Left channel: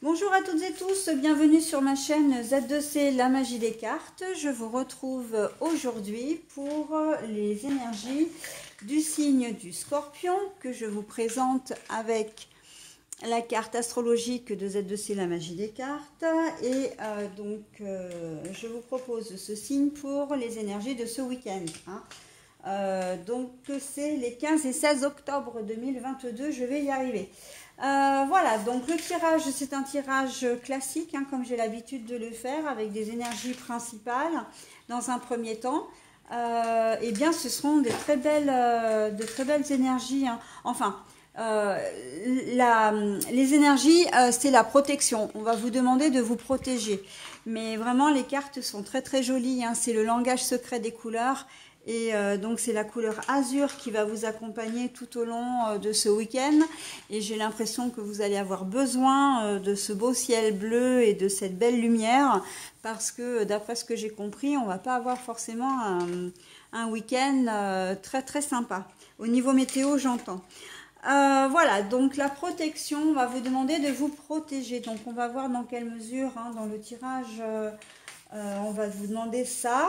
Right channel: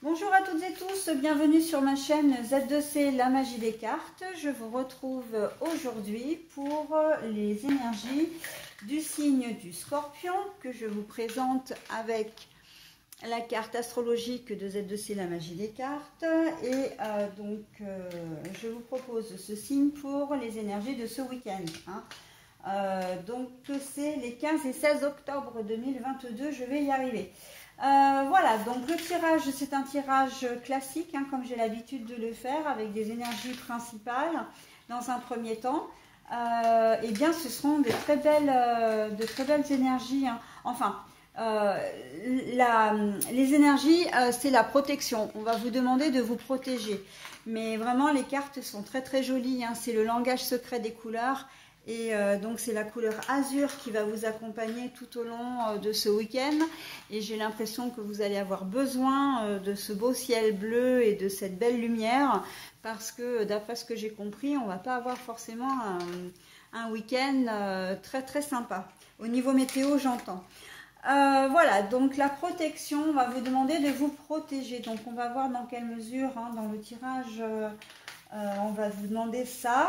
Bonjour à toutes et tous, bienvenue sur ma chaîne Z2C La Magie des Cartes. Je vous retrouve aujourd'hui pour les énergies du signe du Scorpion que je vous présente avec la carte astrologique de Z2C La Magie des Cartes. Et je vous propose ce signe pour les énergies de ce week-end. Donc c'est les 15 et 16 octobre 2022, je vais y arriver. Voilà, donc le tirage, c'est un tirage classique, comme j'ai l'habitude de le faire, avec des énergies principales. Dans un premier temps, eh bien, ce seront de très belles énergies. Les énergies, c'est la protection. On va vous demander de vous protéger. Mais vraiment, les cartes sont très très jolies. C'est le langage secret des couleurs. Et donc c'est la couleur azur qui va vous accompagner tout au long de ce week-end. Et j'ai l'impression que vous allez avoir besoin de ce beau ciel bleu et de cette belle lumière. Parce que d'après ce que j'ai compris, on ne va pas avoir forcément un week-end très très sympa. Au niveau météo, j'entends. Voilà, donc la protection, on va vous demander de vous protéger. Donc on va voir dans quelle mesure, dans le tirage, on va vous demander ça.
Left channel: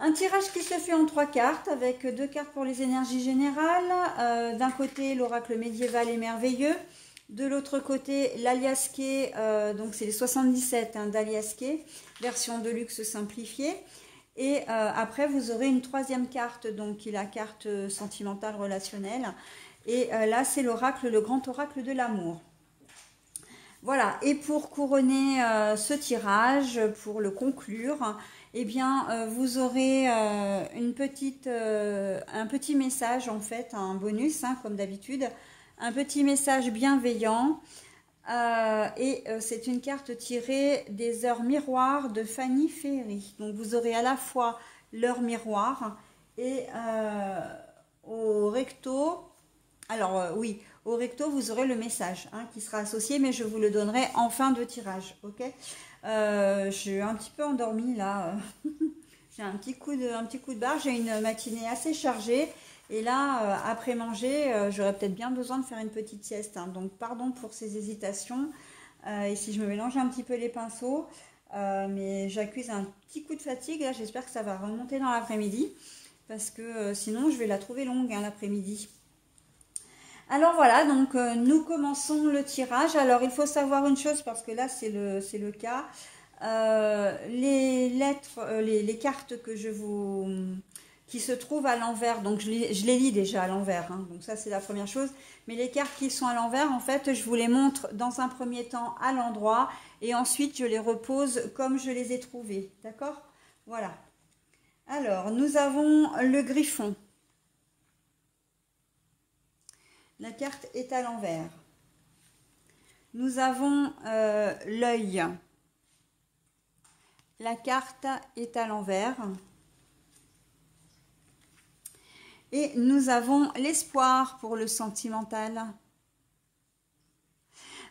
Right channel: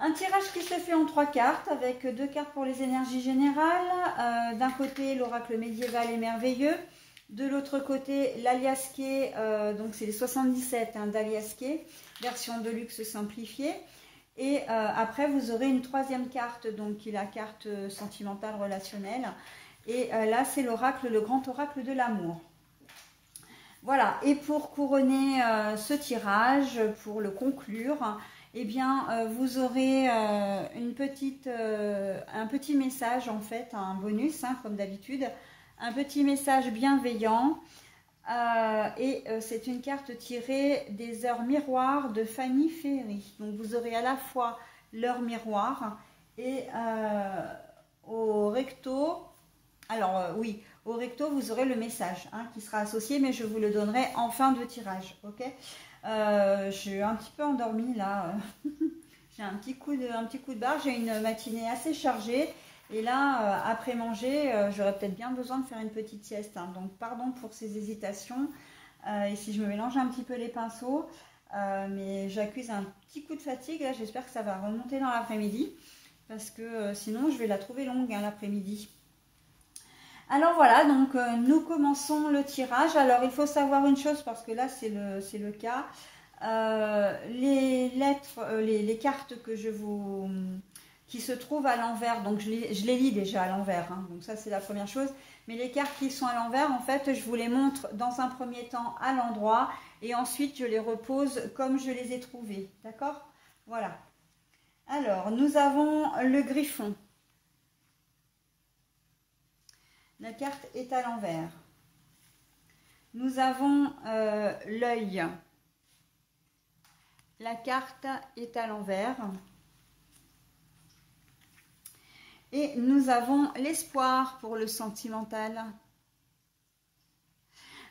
Un tirage qui se fait en 3 cartes, avec 2 cartes pour les énergies générales. D'un côté, l'oracle médiéval et merveilleux. De l'autre côté, l'Aliasqué, donc c'est les 77 d'Aliasqué, version de luxe simplifiée. Et après, vous aurez une 3e carte, donc qui est la carte sentimentale relationnelle. Et là, c'est l'oracle, le grand oracle de l'amour. Voilà, et pour couronner ce tirage, pour le conclure, eh bien, vous aurez un petit message, en fait, un bonus, comme d'habitude, un petit message bienveillant. C'est une carte tirée des heures miroirs de Fanny Ferry. Donc, vous aurez à la fois l'heure miroir et au recto. Alors, oui, au recto, vous aurez le message qui sera associé, mais je vous le donnerai en fin de tirage, ok? Je suis un petit peu endormie là, j'ai un petit coup de barre, j'ai une matinée assez chargée et là après manger j'aurais peut-être bien besoin de faire une petite sieste, donc pardon pour ces hésitations et si je me mélange un petit peu les pinceaux, mais j'accuse un petit coup de fatigue là, j'espère que ça va remonter dans l'après-midi parce que sinon je vais la trouver longue l'après-midi. Alors voilà, donc nous commençons le tirage. Alors il faut savoir une chose parce que là c'est le cas. Les lettres, les cartes qui se trouvent à l'envers, donc je les lis déjà à l'envers, donc ça c'est la première chose. Mais les cartes qui sont à l'envers, en fait, je vous les montre dans un premier temps à l'endroit et ensuite je les repose comme je les ai trouvées, d'accord? Voilà. Alors nous avons le griffon. La carte est à l'envers. Nous avons l'œil. La carte est à l'envers. Et nous avons l'espoir pour le sentimental.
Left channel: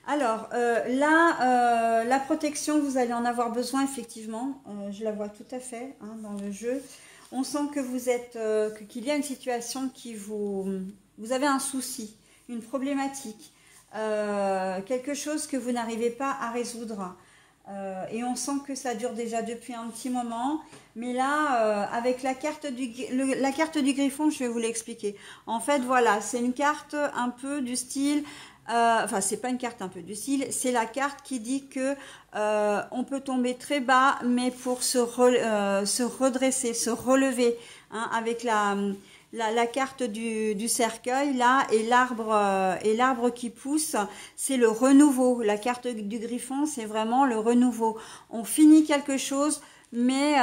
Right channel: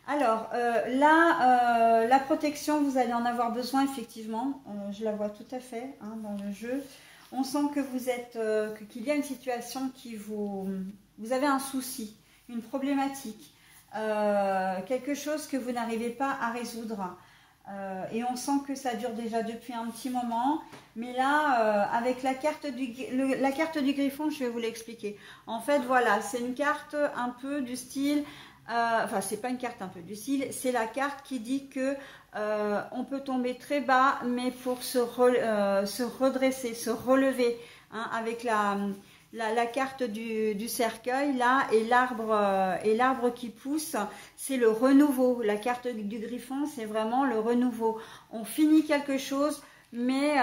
Alors là, la protection, vous allez en avoir besoin effectivement. Je la vois tout à fait dans le jeu. On sent que vous êtes, qu'il y a une situation qui vous avez un souci, une problématique, quelque chose que vous n'arrivez pas à résoudre. Et on sent que ça dure déjà depuis un petit moment. Mais là, avec la carte du griffon, je vais vous l'expliquer. En fait, voilà, c'est une carte un peu du style... enfin, c'est pas une carte un peu du style, c'est la carte qui dit que on peut tomber très bas, mais pour se redresser, se relever, avec la carte du cercueil là et l'arbre qui pousse, c'est le renouveau. La carte du griffon, c'est vraiment le renouveau. On finit quelque chose, mais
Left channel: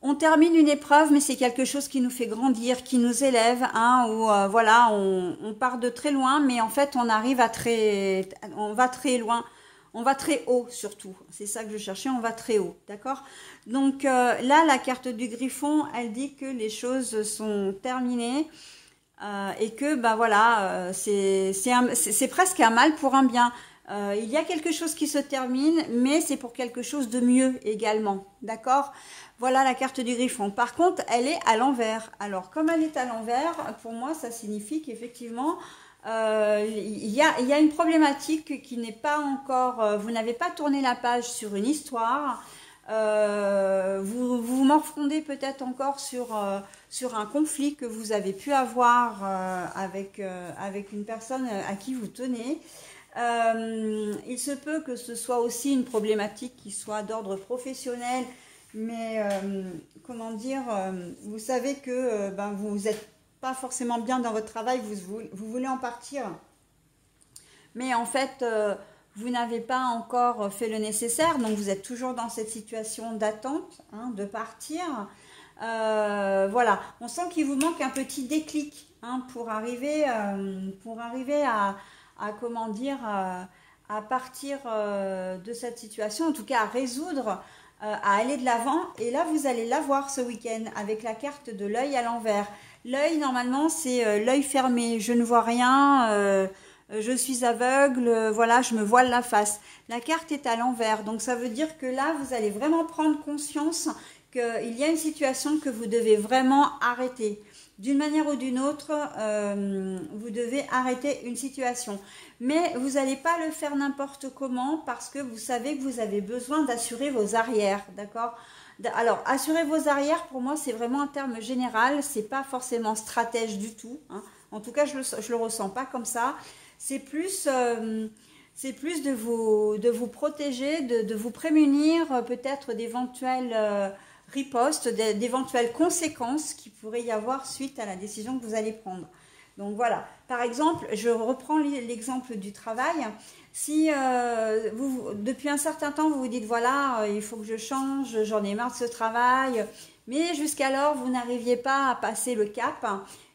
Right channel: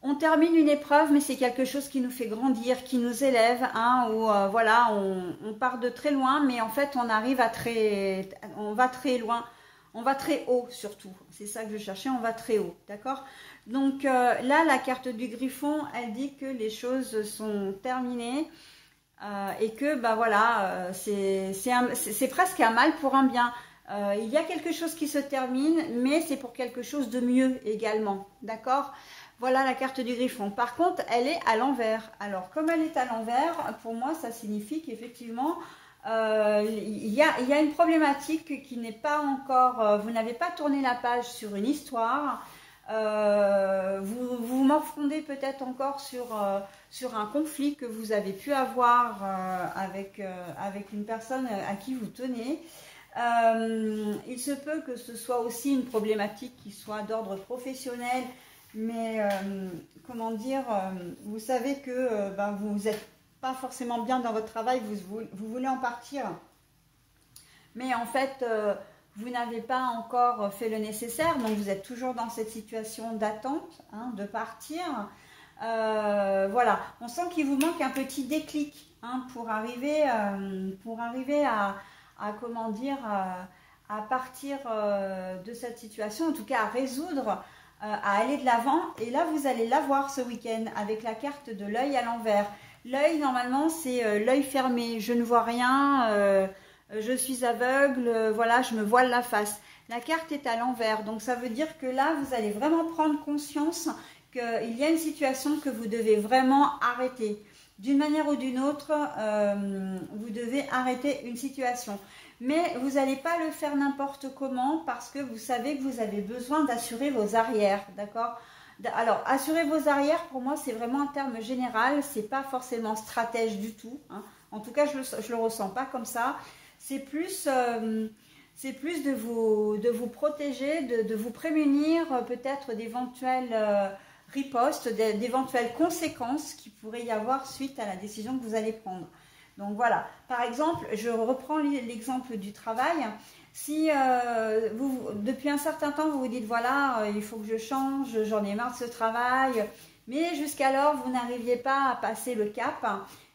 on termine une épreuve, mais c'est quelque chose qui nous fait grandir, qui nous élève, voilà, on part de très loin, mais en fait on arrive on va très loin, on va très haut surtout, c'est ça que je cherchais, on va très haut, d'accord? Donc là, la carte du griffon, elle dit que les choses sont terminées et que, voilà, c'est presque un mal pour un bien. Il y a quelque chose qui se termine, mais c'est pour quelque chose de mieux également, d'accord? Voilà la carte du griffon. Par contre, elle est à l'envers. Alors, comme elle est à l'envers, pour moi, ça signifie qu'effectivement, Il y a une problématique qui n'est pas encore, vous n'avez pas tourné la page sur une histoire, vous morfondez peut-être encore sur un conflit que vous avez pu avoir avec une personne à qui vous tenez. Il se peut que ce soit aussi une problématique qui soit d'ordre professionnel, mais comment dire, vous savez que ben, vous n'êtes pas forcément bien dans votre travail, vous voulez en partir, mais en fait vous n'avez pas encore fait le nécessaire, donc vous êtes toujours dans cette situation d'attente, hein, de partir. Voilà, on sent qu'il vous manque un petit déclic, hein, pour arriver à comment dire, à partir de cette situation, en tout cas à résoudre, à aller de l'avant. Et là, vous allez l'avoir ce week-end avec la carte de l'œil à l'envers. L'œil, normalement, c'est l'œil fermé. Je ne vois rien, je suis aveugle, voilà, je me voile la face. La carte est à l'envers, donc ça veut dire que là, vous allez vraiment prendre conscience qu'il y a une situation que vous devez vraiment arrêter. D'une manière ou d'une autre, vous devez arrêter une situation. Mais vous n'allez pas le faire n'importe comment parce que vous savez que vous avez besoin d'assurer vos arrières, d'accord? Alors, assurer vos arrières, pour moi, c'est vraiment un terme général, c'est pas forcément stratège du tout, hein. En tout cas, je le ressens pas comme ça. C'est plus de vous protéger, de vous prémunir peut-être d'éventuelles ripostes, d'éventuelles conséquences qu'il pourrait y avoir suite à la décision que vous allez prendre. Donc voilà, par exemple, je reprends l'exemple du travail. Si depuis un certain temps, vous vous dites, voilà, il faut que je change, j'en ai marre de ce travail, mais jusqu'alors, vous n'arriviez pas à passer le cap.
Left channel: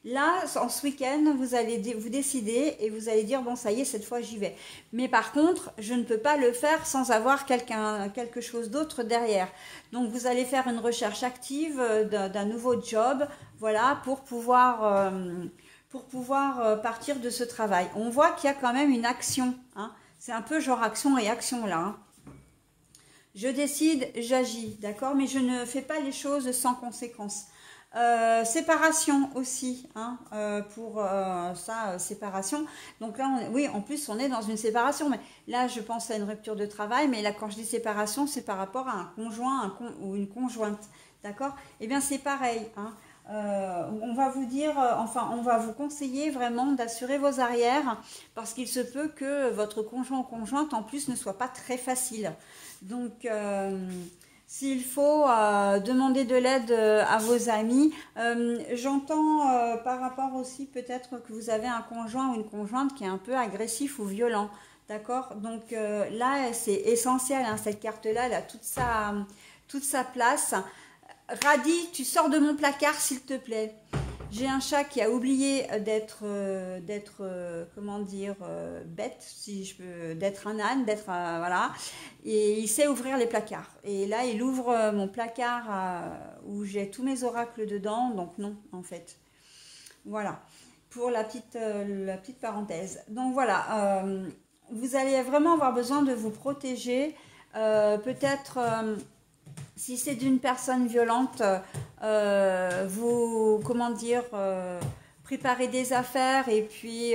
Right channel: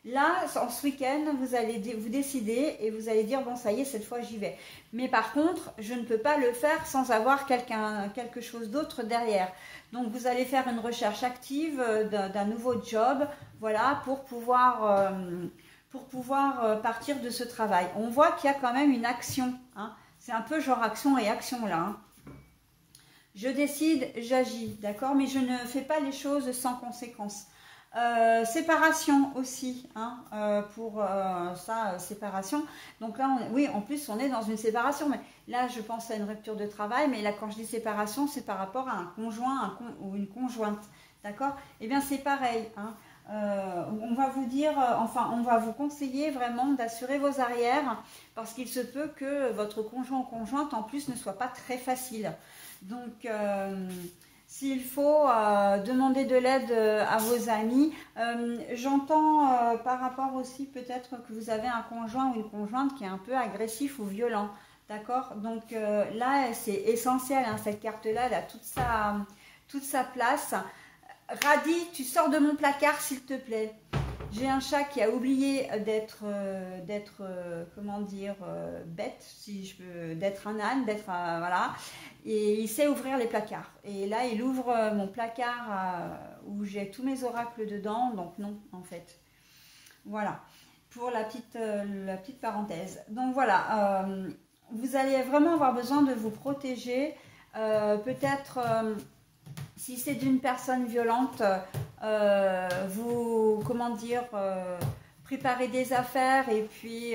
Là, en ce week-end, vous allez vous décider et vous allez dire, bon, ça y est, cette fois, j'y vais. Mais par contre, je ne peux pas le faire sans avoir quelque chose d'autre derrière. Donc, vous allez faire une recherche active d'un nouveau job, voilà, pour pouvoir partir de ce travail. On voit qu'il y a quand même une action, hein. C'est un peu genre action-réaction là, hein. Je décide, j'agis, d'accord, mais je ne fais pas les choses sans conséquence. Séparation aussi, hein, pour ça, séparation. Donc là, oui, en plus, on est dans une séparation. Mais là, je pense à une rupture de travail. Mais là, quand je dis séparation, c'est par rapport à un conjoint ou une conjointe. D'accord? Eh bien, c'est pareil, hein. On va vous dire, enfin, on va vous conseiller vraiment d'assurer vos arrières parce qu'il se peut que votre conjoint ou conjointe, en plus, ne soit pas très facile. Donc, s'il faut demander de l'aide à vos amis, j'entends par rapport aussi peut-être que vous avez un conjoint ou une conjointe qui est un peu agressif ou violent, d'accord? Donc là, c'est essentiel, hein, cette carte-là, elle a toute sa place. Radis, tu sors de mon placard, s'il te plaît. J'ai un chat qui a oublié d'être, comment dire, bête, si je peux, d'être un âne, voilà. Et il sait ouvrir les placards. Et là, il ouvre mon placard où j'ai tous mes oracles dedans, donc non, en fait. Voilà, pour la petite parenthèse. Donc voilà, vous allez vraiment avoir besoin de vous protéger, peut-être... si c'est d'une personne violente, comment dire, préparer des affaires et puis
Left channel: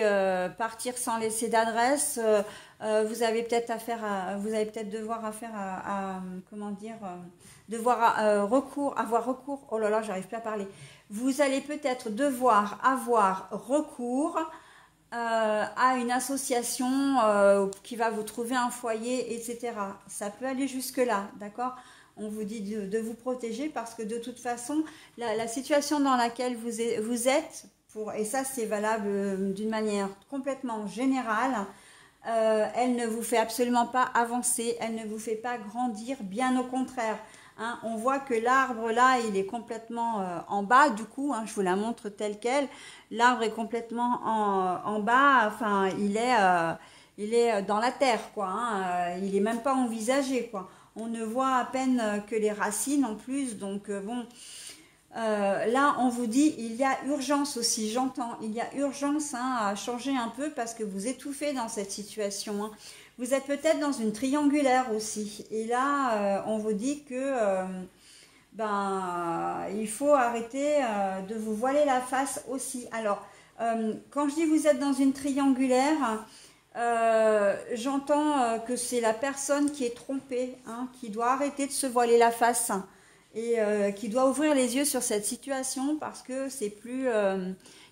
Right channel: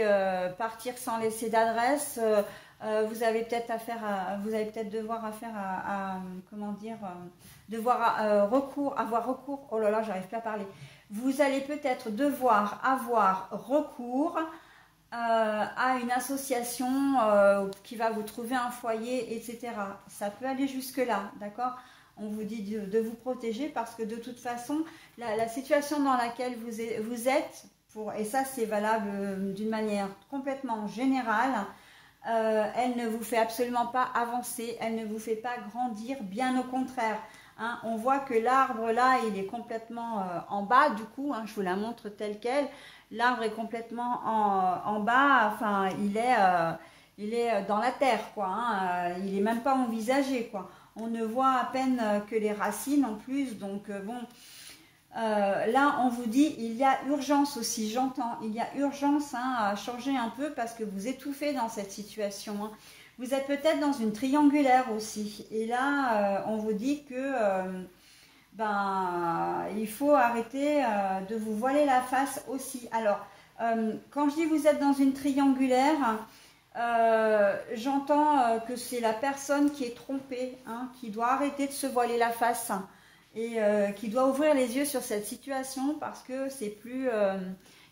partir sans laisser d'adresse, vous allez peut-être devoir comment dire, avoir recours, oh là là, j'arrive pas à parler. Vous allez peut-être devoir avoir recours à une association qui va vous trouver un foyer, etc. Ça peut aller jusque-là, d'accord? On vous dit de vous protéger parce que de toute façon, la situation dans laquelle vous êtes, et ça c'est valable d'une manière complètement générale, elle ne vous fait absolument pas avancer, elle ne vous fait pas grandir, bien au contraire. Hein, on voit que l'arbre là, il est complètement en bas, du coup, hein, je vous la montre telle quelle. L'arbre est complètement en bas, enfin, il est dans la terre, quoi. Hein, il n'est même pas envisagé, quoi. On ne voit à peine que les racines en plus, donc bon, là on vous dit il y a urgence aussi, j'entends, il y a urgence, hein, à changer un peu parce que vous étouffez dans cette situation, hein. Vous êtes peut-être dans une triangulaire aussi, et là on vous dit que il faut arrêter de vous voiler la face aussi. Alors Quand je dis vous êtes dans une triangulaire, j'entends que c'est la personne qui est trompée, hein, qui doit arrêter de se voiler la face et qui doit ouvrir les yeux sur cette situation parce que c'est plus...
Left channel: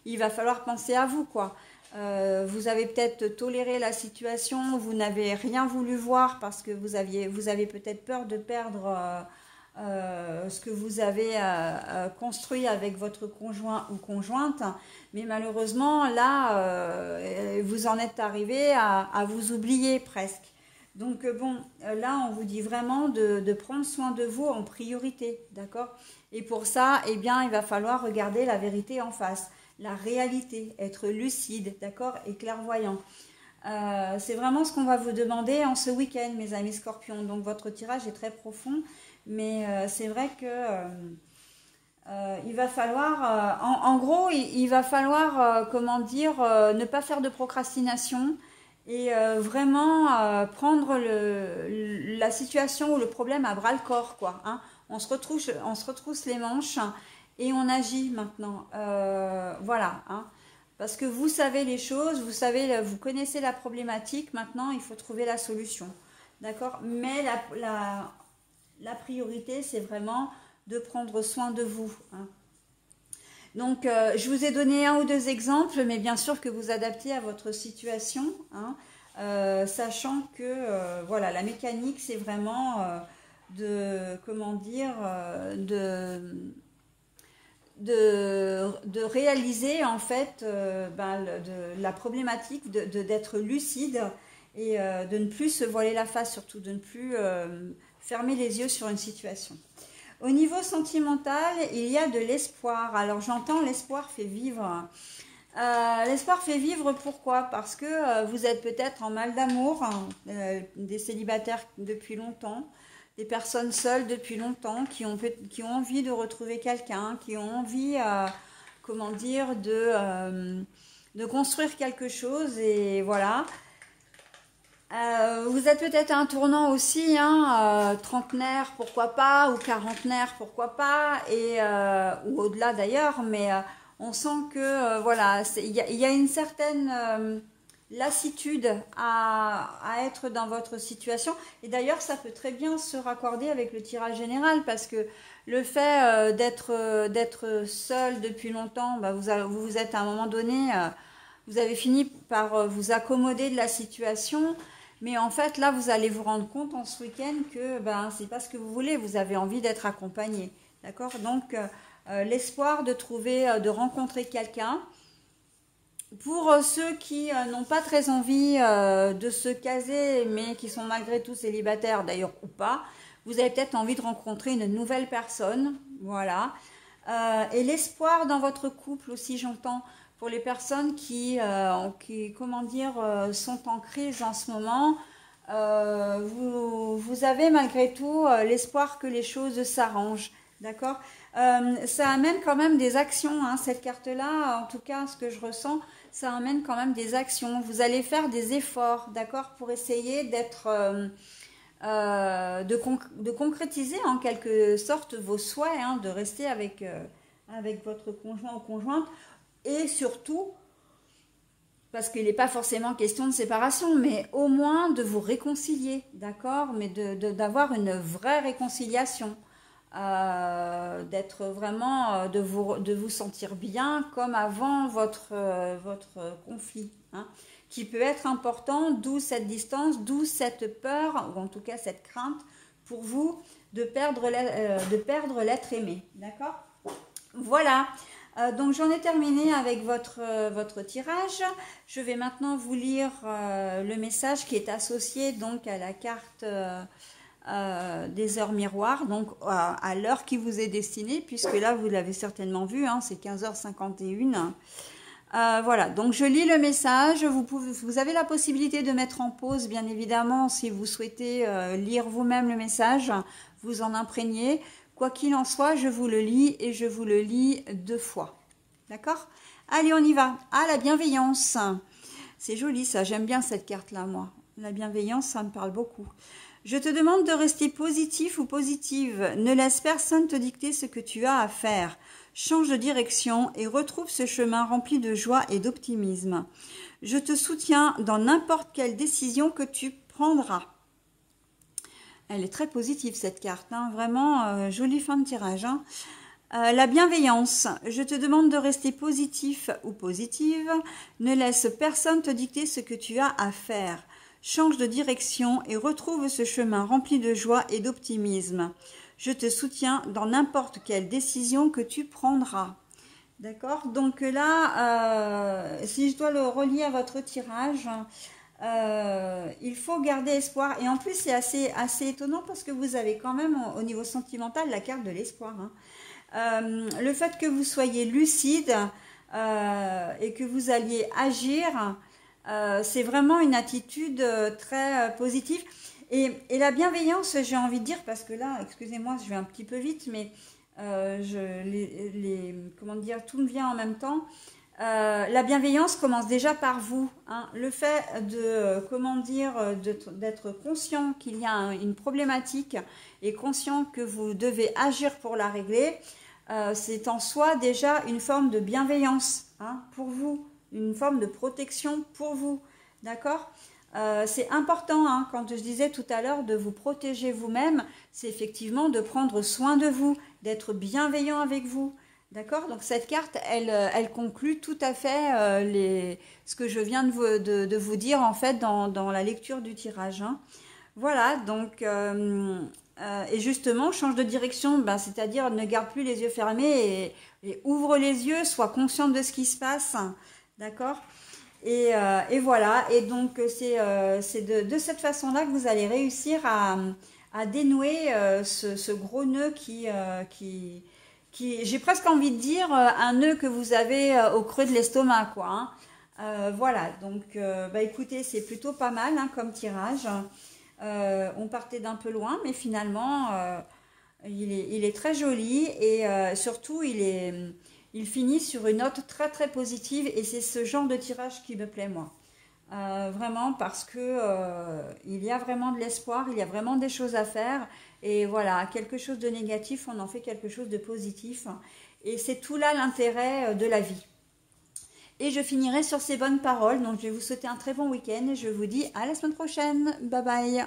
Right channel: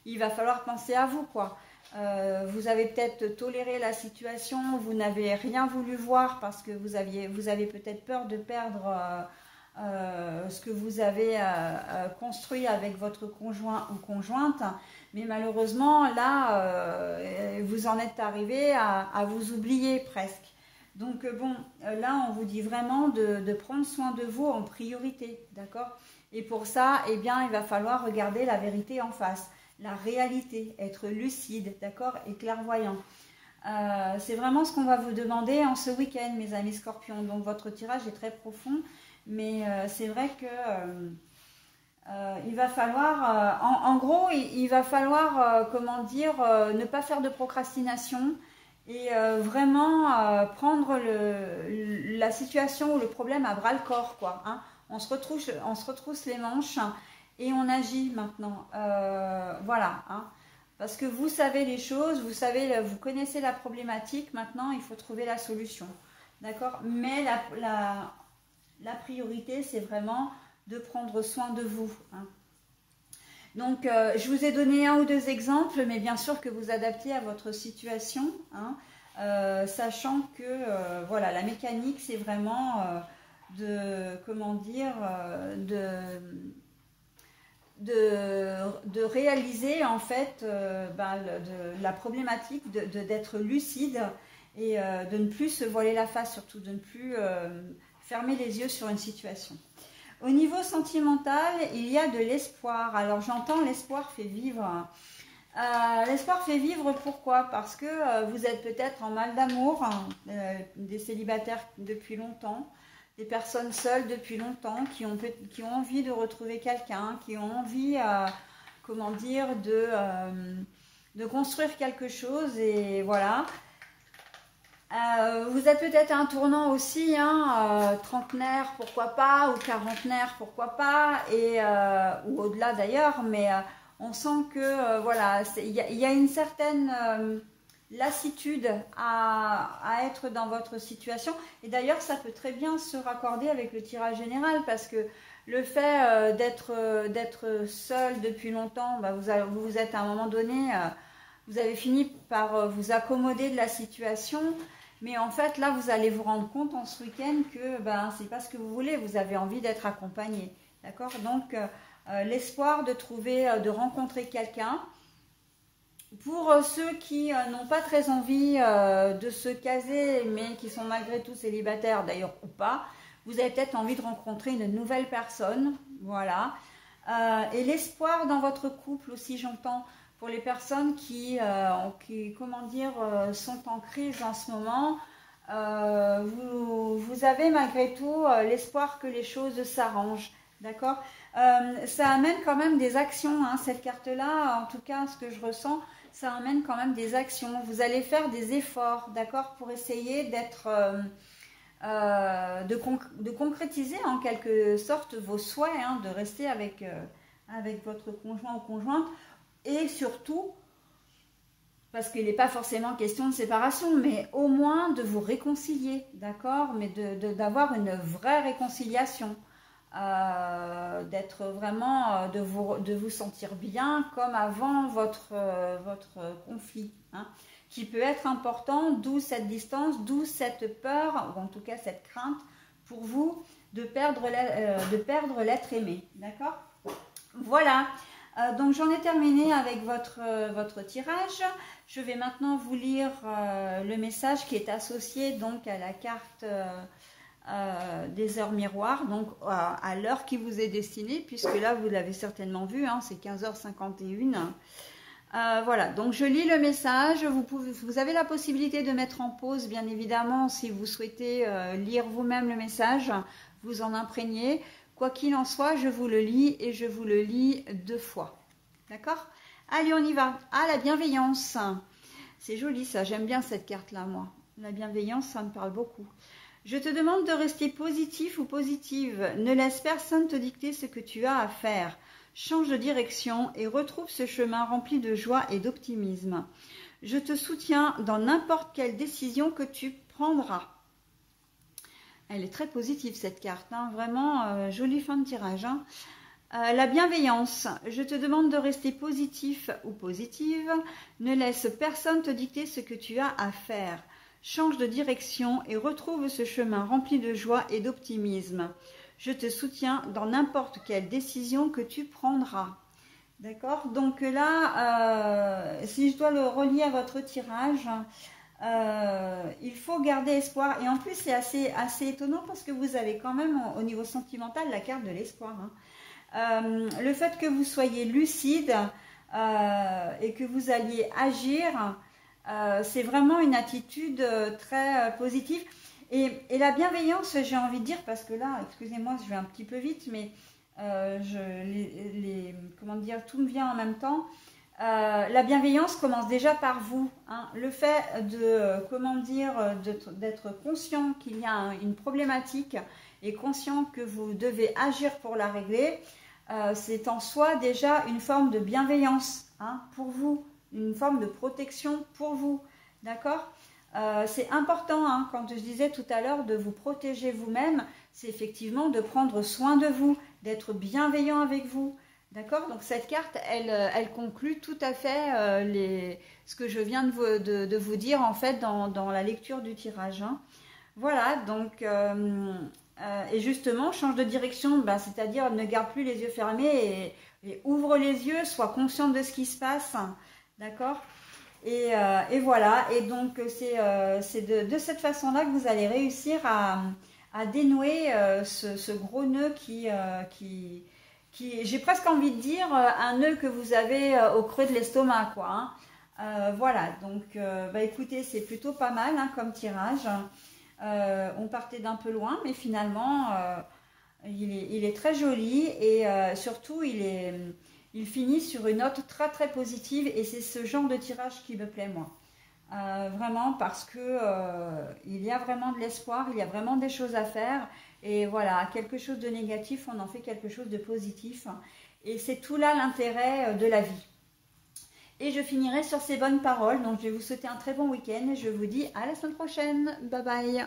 il va falloir penser à vous, quoi. Vous avez peut-être toléré la situation, vous n'avez rien voulu voir parce que vous avez peut-être peur de perdre ce que vous avez construit avec votre conjoint ou conjointe, mais malheureusement là vous en êtes arrivé à vous oublier presque. Donc bon, là on vous dit vraiment de prendre soin de vous en priorité, d'accord? Et pour ça, eh bien il va falloir regarder la vérité en face, la réalité, être lucide, d'accord, et clairvoyant. C'est vraiment ce qu'on va vous demander en ce week-end, mes amis scorpions. Donc votre tirage est très profond, mais c'est vrai que il va falloir, en gros, il va falloir, comment dire, ne pas faire de procrastination et vraiment prendre la situation ou le problème à bras le corps, quoi. Hein. On se retrousse les manches et on agit maintenant. Voilà. Hein. Parce que vous savez les choses, vous connaissez la problématique. Maintenant, il faut trouver la solution. D'accord? Mais la priorité, c'est vraiment de prendre soin de vous. Hein. Donc, je vous ai donné 1 ou 2 exemples, mais bien sûr que vous adaptez à votre situation, hein, sachant que voilà, la mécanique, c'est vraiment comment dire, de réaliser en fait la problématique d'être lucide et de ne plus se voiler la face, surtout de ne plus fermer les yeux sur une situation. Au niveau sentimental, il y a de l'espoir. Alors j'entends l'espoir fait vivre. L'espoir fait vivre, pourquoi? Parce que vous êtes peut-être en mal d'amour, hein, des célibataires depuis longtemps, des personnes seules depuis longtemps, qui ont envie de retrouver quelqu'un, qui ont envie, comment dire, de construire quelque chose, et voilà. Vous êtes peut-être à un tournant aussi, hein, trentenaire, pourquoi pas, ou quarantenaire, pourquoi pas, ou au-delà d'ailleurs, mais on sent que, voilà, il y a une certaine lassitude à être dans votre situation, et d'ailleurs ça peut très bien se raccorder avec le tirage général, parce que le fait d'être seul depuis longtemps, bah, vous êtes à un moment donné, vous avez fini par vous accommoder de la situation, mais en fait là vous allez vous rendre compte en ce week-end que ben, c'est pas ce que vous voulez, vous avez envie d'être accompagné, d'accord? Donc l'espoir de rencontrer quelqu'un. Pour ceux qui n'ont pas très envie de se caser, mais qui sont malgré tout célibataires d'ailleurs ou pas, vous avez peut-être envie de rencontrer une nouvelle personne, voilà. Et l'espoir dans votre couple aussi, j'entends, pour les personnes qui comment dire, sont en crise en ce moment, vous avez malgré tout l'espoir que les choses s'arrangent, d'accord? Ça amène quand même des actions, hein, cette carte-là, en tout cas, ce que je ressens, ça amène quand même des actions. Vous allez faire des efforts, d'accord, pour essayer d'être, de concrétiser en quelque sorte vos souhaits, hein, de rester avec votre conjoint ou conjointe, et surtout, parce qu'il n'est pas forcément question de séparation, mais au moins de vous réconcilier, d'accord, mais d'avoir une vraie réconciliation. D'être vraiment, de vous sentir bien comme avant votre conflit, hein, qui peut être important, d'où cette distance, d'où cette peur, ou en tout cas cette crainte pour vous de perdre l'être aimé, d'accord? Voilà, donc j'en ai terminé avec votre tirage. Je vais maintenant vous lire le message qui est associé donc à la carte des heures miroirs, donc à l'heure qui vous est destinée, puisque là vous l'avez certainement vu, hein, c'est 15h51. Voilà, donc je lis le message. Vous avez la possibilité de mettre en pause, bien évidemment, si vous souhaitez lire vous-même le message, vous en imprégner. Quoi qu'il en soit, je vous le lis et je vous le lis 2 fois. D'accord? Allez, on y va. Ah, la bienveillance. C'est joli ça, j'aime bien cette carte-là, moi. La bienveillance, ça me parle beaucoup. Je te demande de rester positif ou positive. Ne laisse personne te dicter ce que tu as à faire. change de direction et retrouve ce chemin rempli de joie et d'optimisme. Je te soutiens dans n'importe quelle décision que tu prendras. Elle est très positive cette carte, hein, vraiment jolie fin de tirage. Hein. La bienveillance, je te demande de rester positif ou positive, ne laisse personne te dicter ce que tu as à faire. Change de direction et retrouve ce chemin rempli de joie et d'optimisme. Je te soutiens dans n'importe quelle décision que tu prendras. D'accord? Donc là, si je dois le relier à votre tirage, il faut garder espoir. Et en plus, c'est assez étonnant parce que vous avez quand même, au niveau sentimental, la carte de l'espoir. Hein. Le fait que vous soyez lucide et que vous alliez agir, c'est vraiment une attitude très positive. Et la bienveillance, j'ai envie de dire, parce que là, excusez-moi, je vais un petit peu vite, mais comment dire, tout me vient en même temps. La bienveillance commence déjà par vous. Hein. Le fait de, comment dire, d'être conscient qu'il y a une problématique et conscient que vous devez agir pour la régler, c'est en soi déjà une forme de bienveillance, hein, pour vous, une forme de protection pour vous. D'accord ? C'est important, hein, quand je disais tout à l'heure de vous protéger vous-même, c'est effectivement de prendre soin de vous, d'être bienveillant avec vous. D'accord? Donc cette carte, elle conclut tout à fait ce que je viens de vous dire en fait dans la lecture du tirage. Hein. Voilà, donc, et justement, change de direction, ben, c'est-à-dire ne garde plus les yeux fermés et ouvre les yeux, sois consciente de ce qui se passe. D'accord? Et voilà, et donc c'est de cette façon-là que vous allez réussir à dénouer ce gros nœud qui j'ai presque envie de dire, un nœud que vous avez au creux de l'estomac, quoi. Hein. Voilà, donc bah, écoutez, c'est plutôt pas mal, hein, comme tirage. On partait d'un peu loin, mais finalement, il est très joli et surtout, il finit sur une note très très positive et c'est ce genre de tirage qui me plaît moi. Vraiment parce que il y a vraiment de l'espoir, il y a vraiment des choses à faire et voilà, quelque chose de négatif, on en fait quelque chose de positif et c'est tout là l'intérêt de la vie. Et je finirai sur ces bonnes paroles, donc je vais vous souhaiter un très bon week-end et je vous dis à la semaine prochaine, bye bye.